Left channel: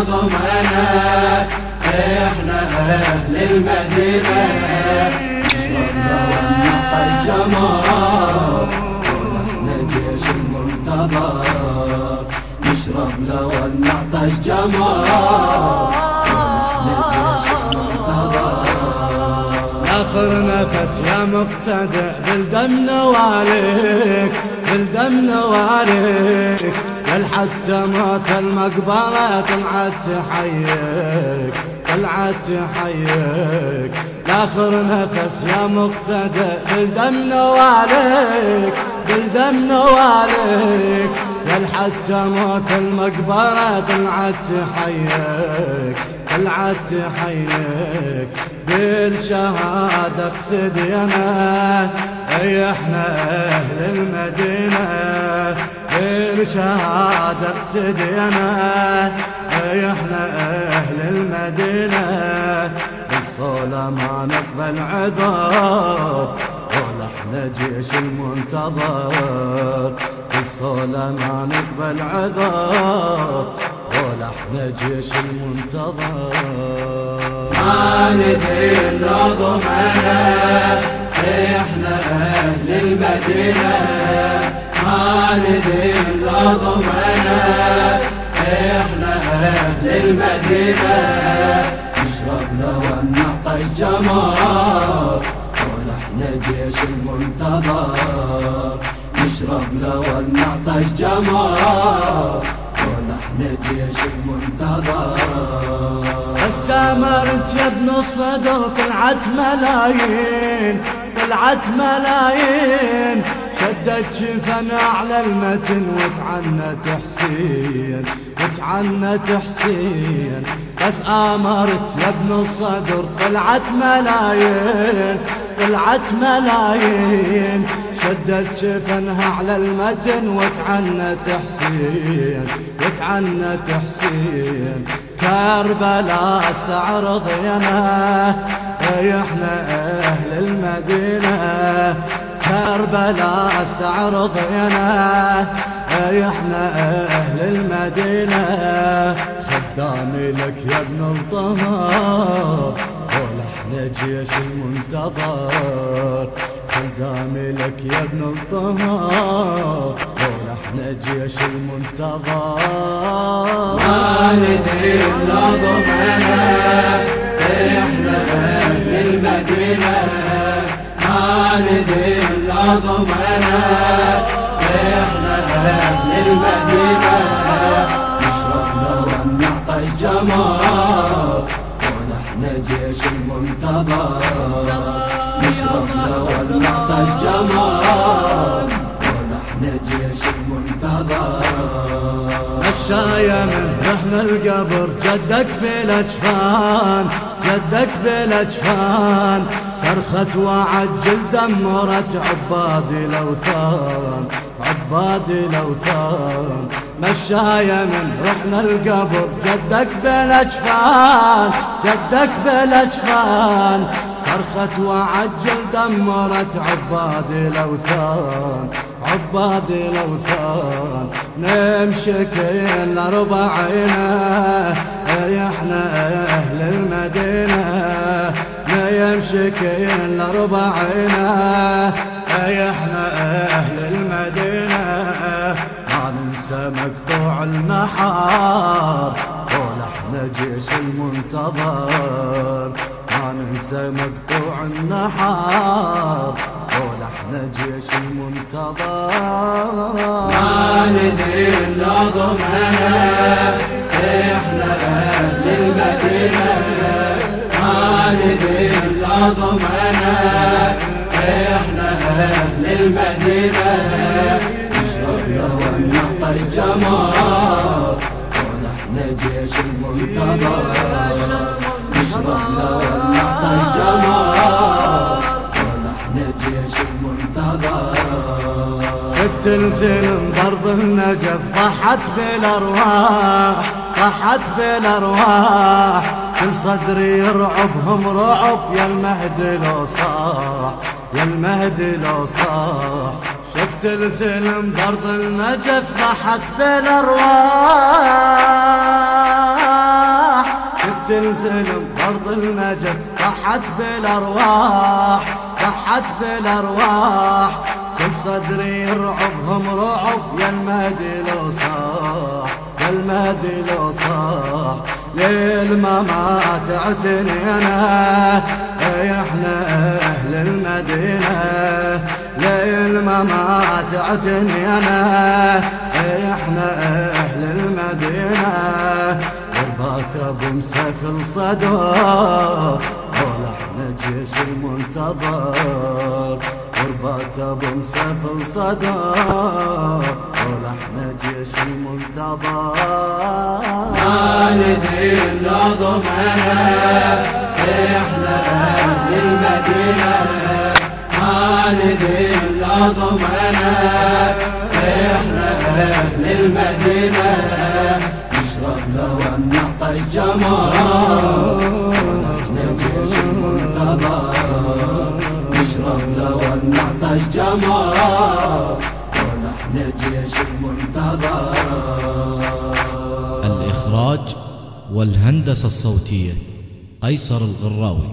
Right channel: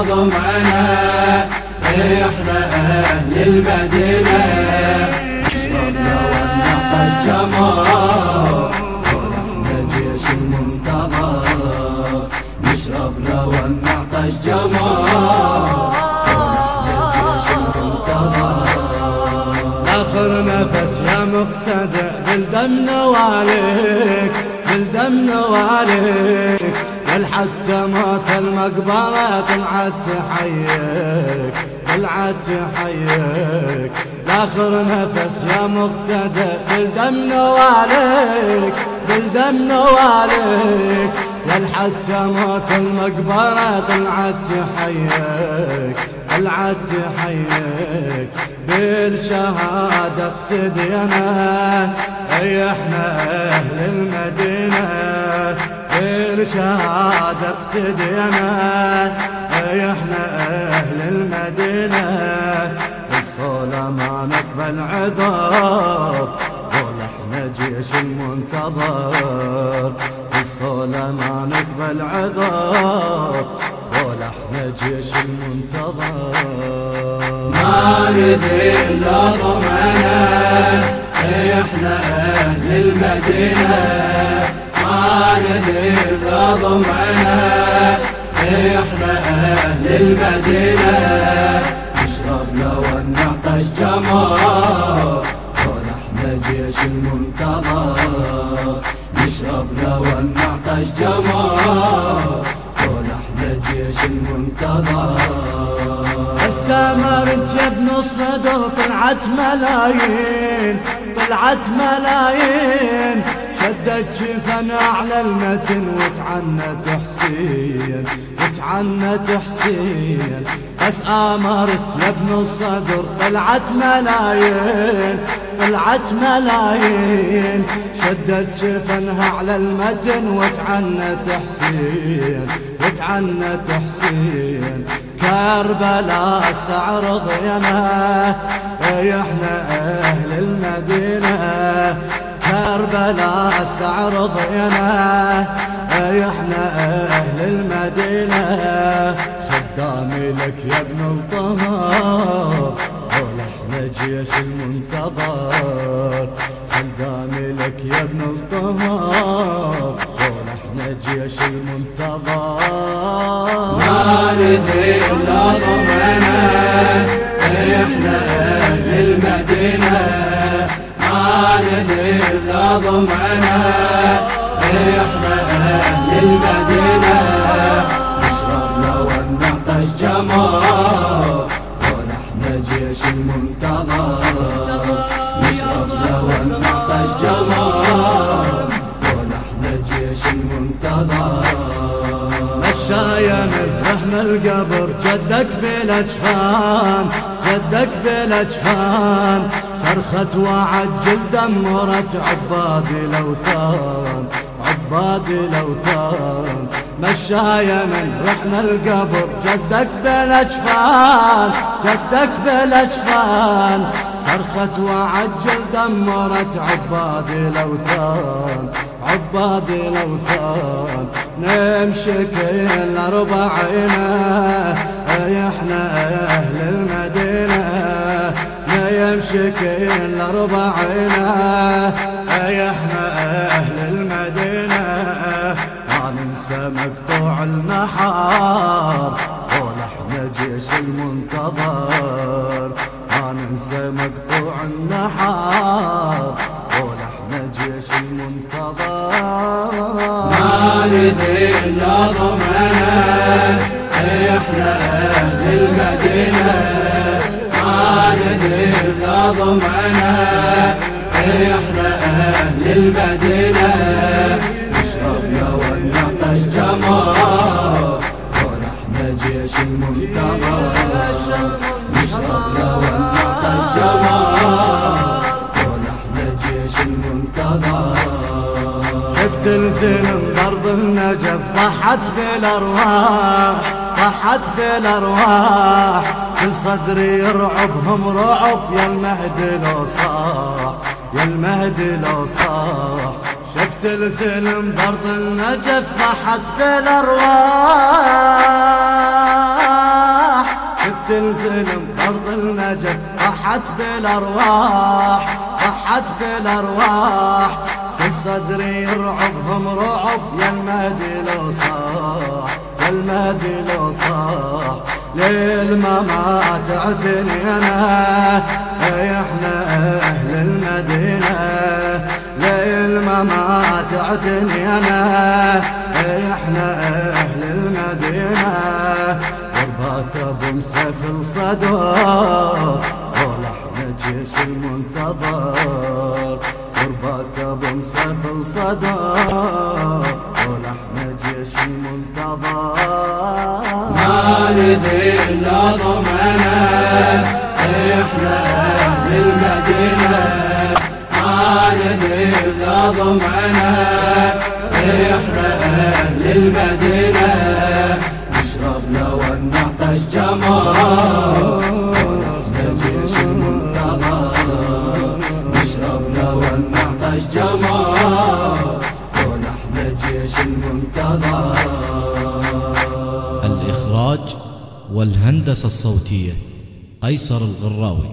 ضمنا احنا اهل المدينة الجمال الجيش المنتظر نشرب لو نعطش جمال آخر نفس يا مقتدى بالدم نواليك بالدم نواليك قال حتى موت المقبرة طلعت تحييك طلعت تحييك لاخر نفس يا مقتدى بالدم نواليك بالدم نواليك قال حتى موت المقبرة طلعت تحييك طلعت تحييك بالشهادة اقتدينا اي احنا اهل المدينة بالشهادة اقتدينا اي احنا اهل المدينة بالصولة ما نقبل عذر قول احنا جيش المنتظر بالصولة ما نقبل عذر قول احنا جيش المنتظر ما نذل ضمنا احنا اهل المدينة ما نذل ضمنا احنا اهل المدينة نشرب لو نعطش جمال قول احنا جيش المنتظر نشرب لو نعطش جمال السامرت يا ابن الصدر طلعت ملايين طلعت ملايين شدت جفنا على المتن وتعنت حسين وتعنت حسين بس آمرت يا ابن الصدر طلعت ملايين طلعت ملايين شدت جفنها على المتن وتعنت حسين وتعنت حسين كربلاء استعرض ينا احنا اهل المدينة كربلاء استعرض ينا احنا اهل المدينة خدامي لك يا ابن الطهر قول احنا جيش المنتظر خدامي لك يا ابن الطهر قول احنا جيش المنتظر ما نذل ضمنا احنا اهل المدينة ما نذل ضمنا احنا اهل المدينة نشرب لو نعطش جمال قول احنا جيش المنتظر يا صاحب الزمان ونحن جيش المنتظر مشاية من رحنا القبر جدك بالاجفان جدك بالاجفان صرخت وعجل دمرت عبادي الاوثان عبادي الاوثان مشاية من رحنا القبر جدك بالاجفان جدك بالاجفان صرخت وعجل دمرت عبادي الاوثان عبادي الاوثان نمشي كل ربعنا احنا اهل المدينة نمشي كل ربعنا احنا اهل المدينة ما ننسى مقطوع النحار قول احنا جيش المنتظر ما ننسى مقطوع النحار قول احنا جيش المنتظر ما نذل ضمنا احنا اهل المدينة ما نذل ضمنا احنا اهل المدينة نشرب لو نعطش جمال قول احنا جيش المنتظر شفت الزلم برض النجف ضحت بالارواح ضحت بالارواح كل صدري يرعبهم رعب يا المهدي لو صاح يا المهدي لو صاح شفت الزلم برض النجف ضحت بالارواح تنزلم بأرض النجف، ضحت بالأرواح ضحت بالأرواح، كل صدري يرعبهم رعب، يا المهدي لو صاح يا المهدي لو صاح. ليل ما تعتني أنا احنا أهل المدينة، ليل ما تعتني أنا احنا أهل المدينة، وربات أبو مسافل صدور ولحن جيش المنتظر، وربات أبو مسافل صدور ولحن جيش المنتظر. ما ندري إلا ضمنا إحنا أهل المدينة، ما ندري إلا ضمنا إحنا أهل المدينة، نشرب لو نعطش جمار نشرب لو نعطش جمار ونحن جيش المنتظر. الإخراج والهندسة الصوتية قيصر الغراوي.